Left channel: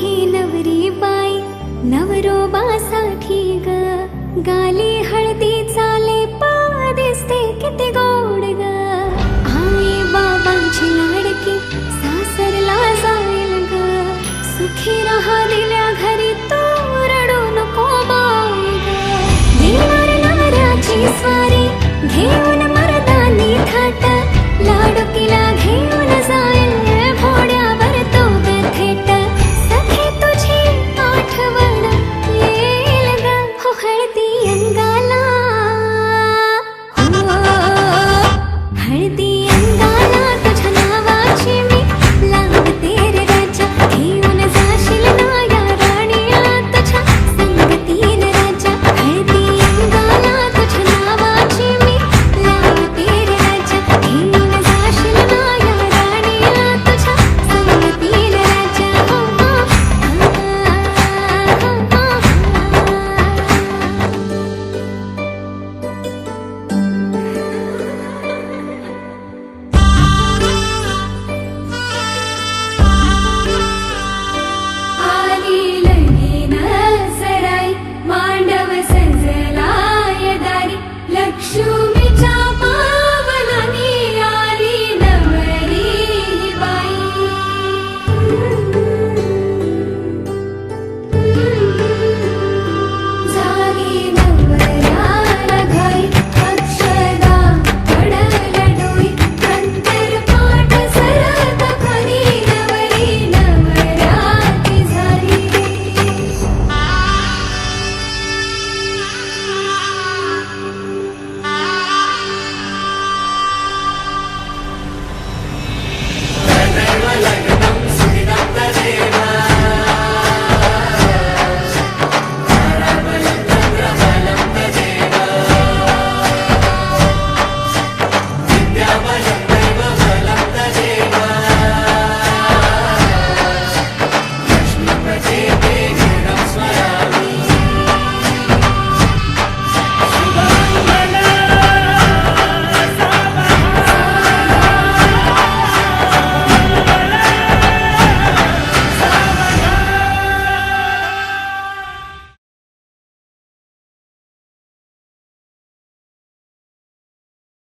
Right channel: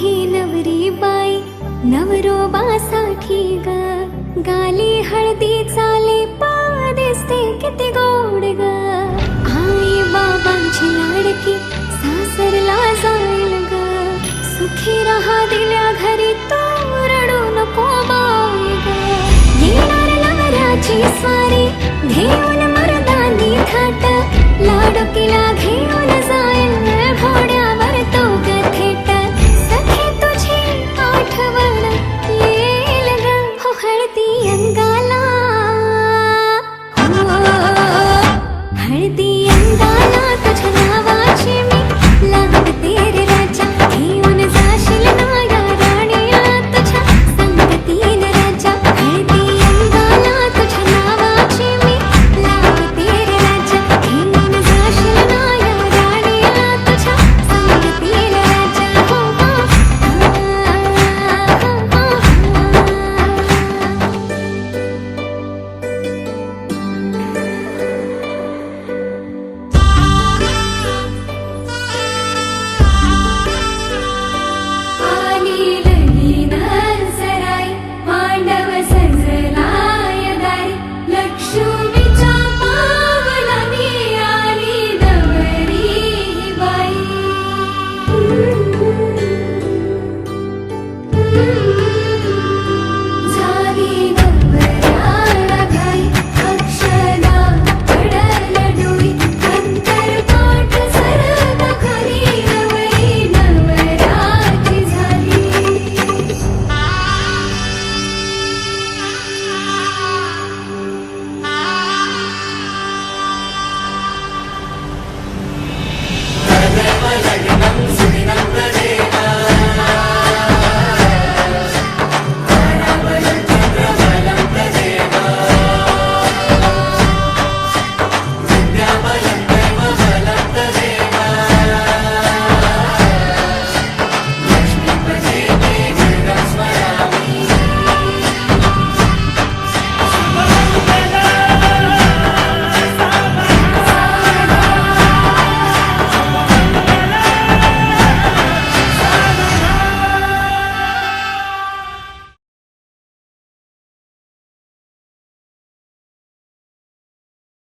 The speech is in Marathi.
ही नवरी बाई नवरोबासाठी ग, गाली हळदी चाले दिसते किती गोड ग. आई बाबांची लाडकी सासरला जाईल ग, सुखी रहा दिल्या घरी तो रडू नको बाई ग. येणार नवऱ्याची स्वारी घेऊन मर्दानी थाट, लाडकीला घेऊन जाय